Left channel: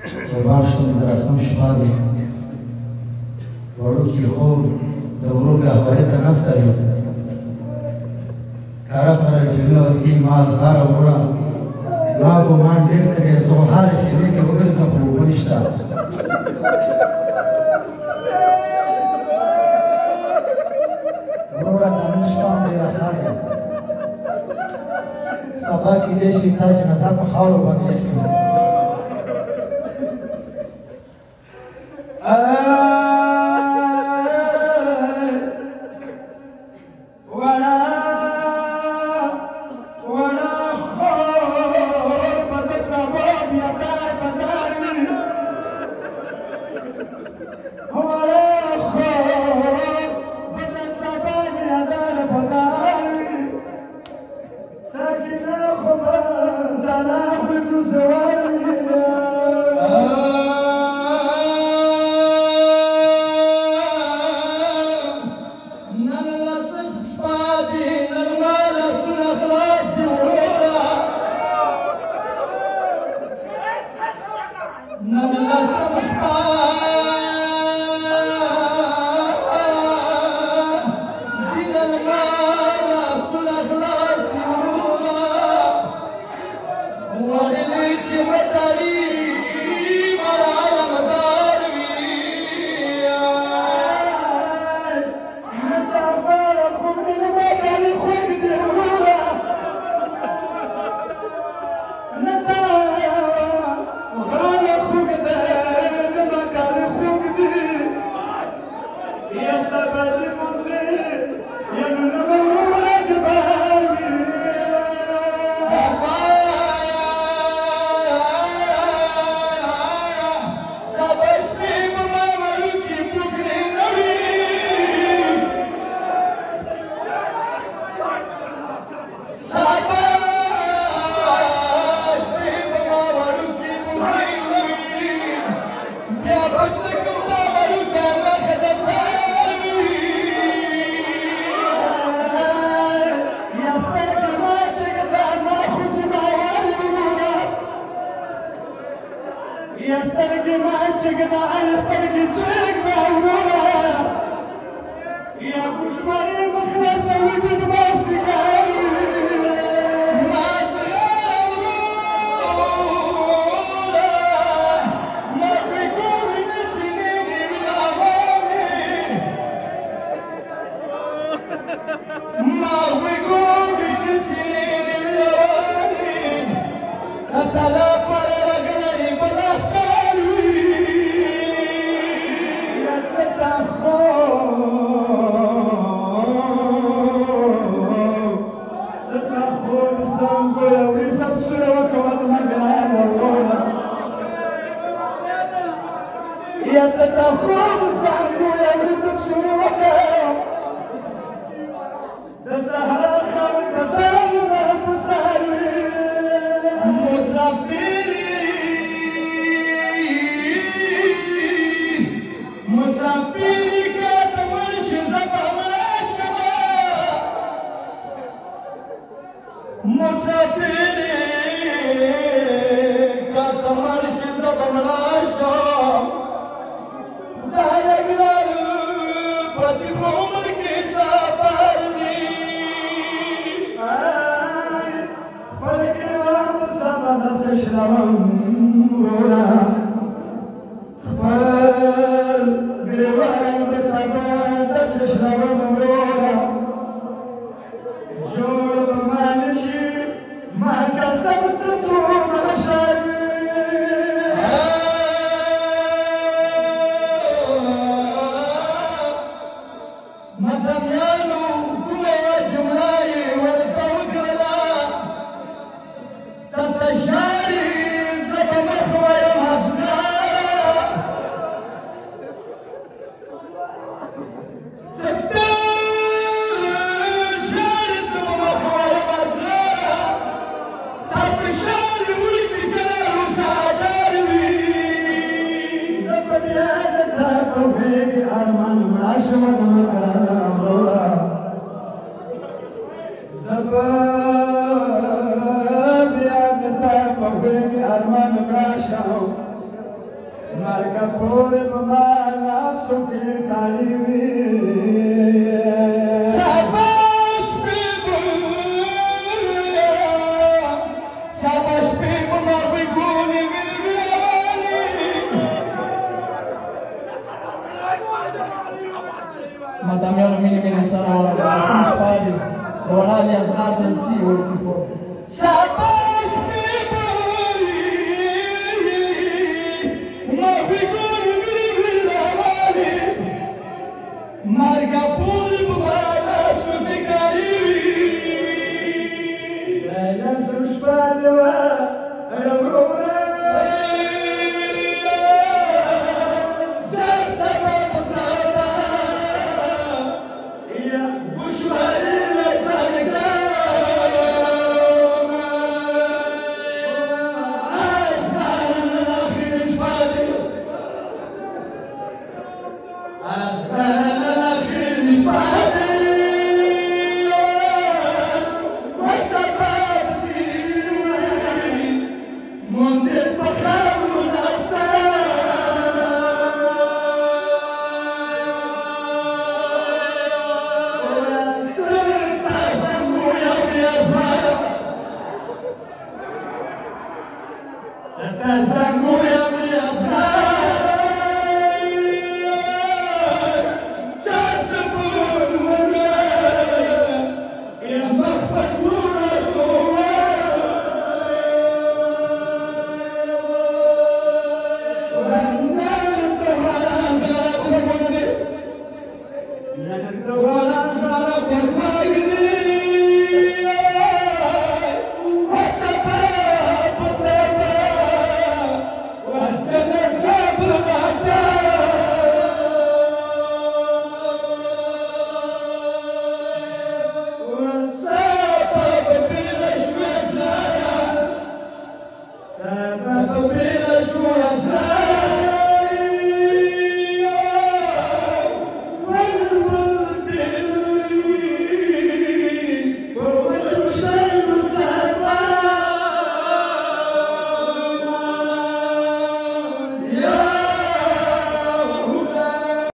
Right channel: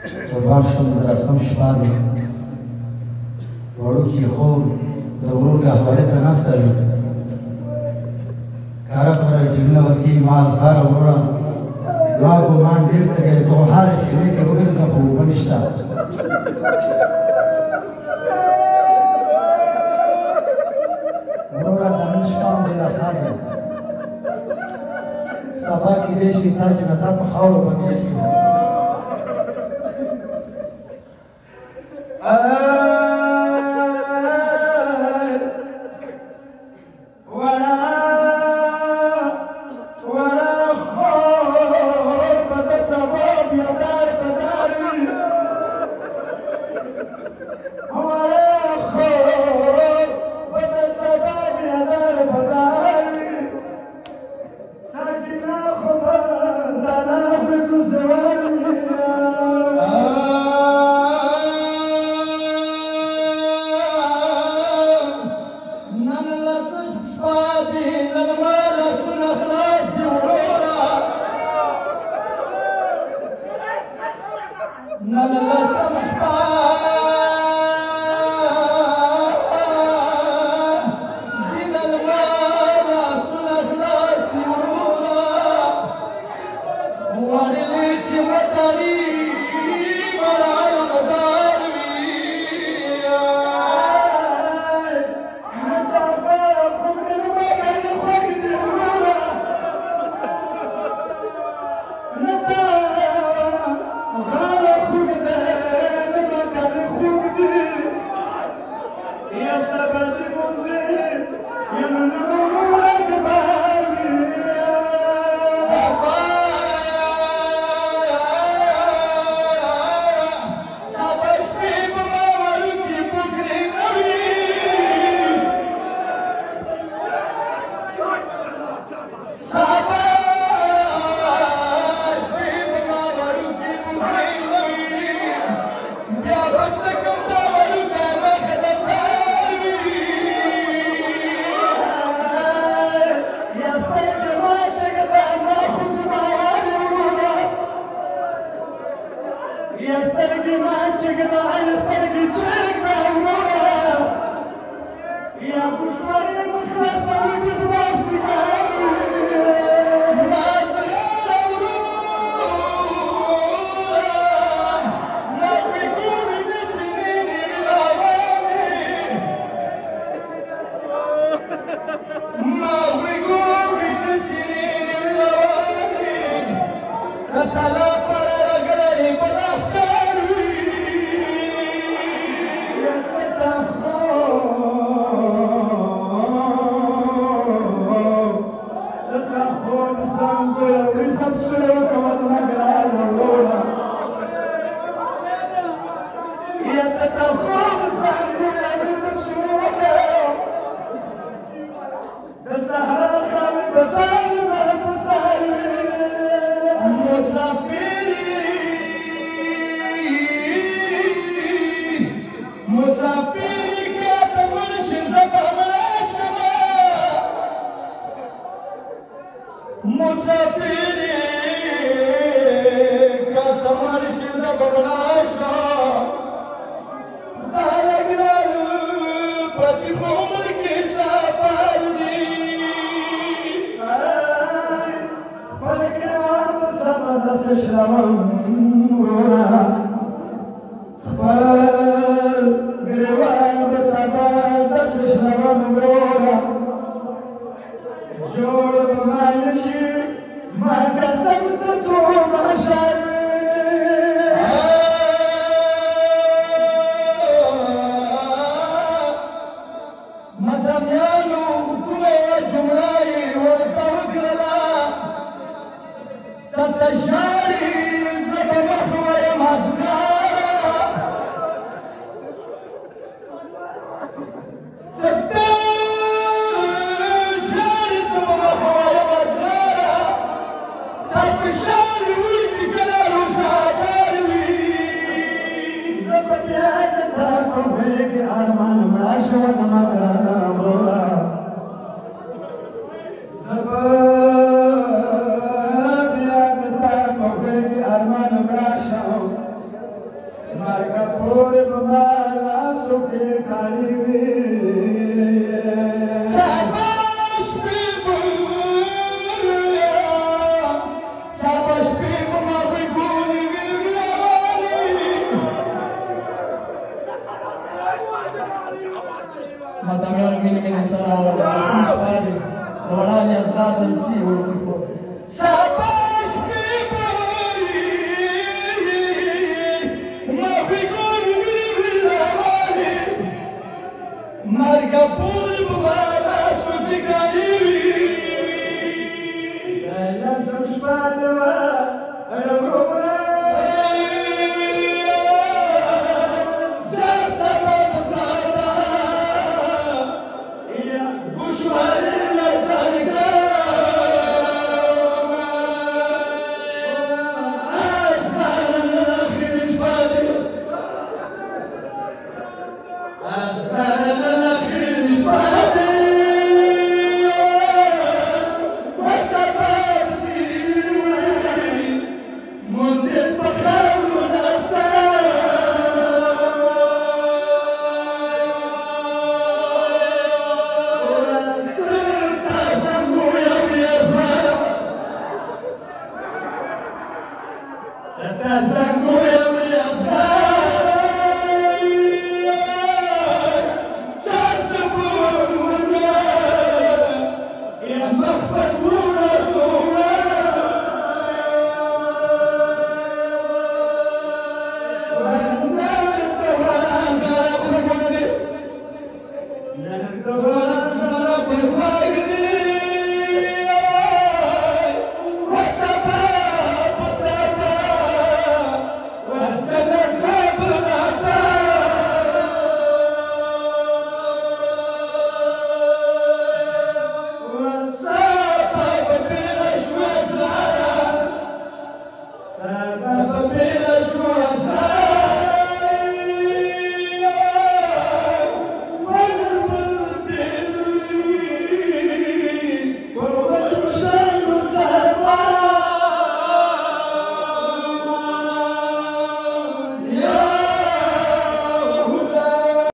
قربان شم د رسم شپه دی وړوکي خوب د ورور رهبري ته ناسته وي کاره په رټینو کې ما اظهاره وروره ما ګمان ډېر ته کوي زه هره خیمې کې وګرځم خو اوبه نشته وروره دا نن شپه ډېره ښه ده سبا کېدای شي تا جنازه په خاورو باندې ایښې وي پور په لاسو کې کاڼي وي Matamiano mini mini sara o sin spade ora li asgardan si o tipo sabash ma bigoni viravali marga puri bala subikari la sushbane wa ayamrona Essa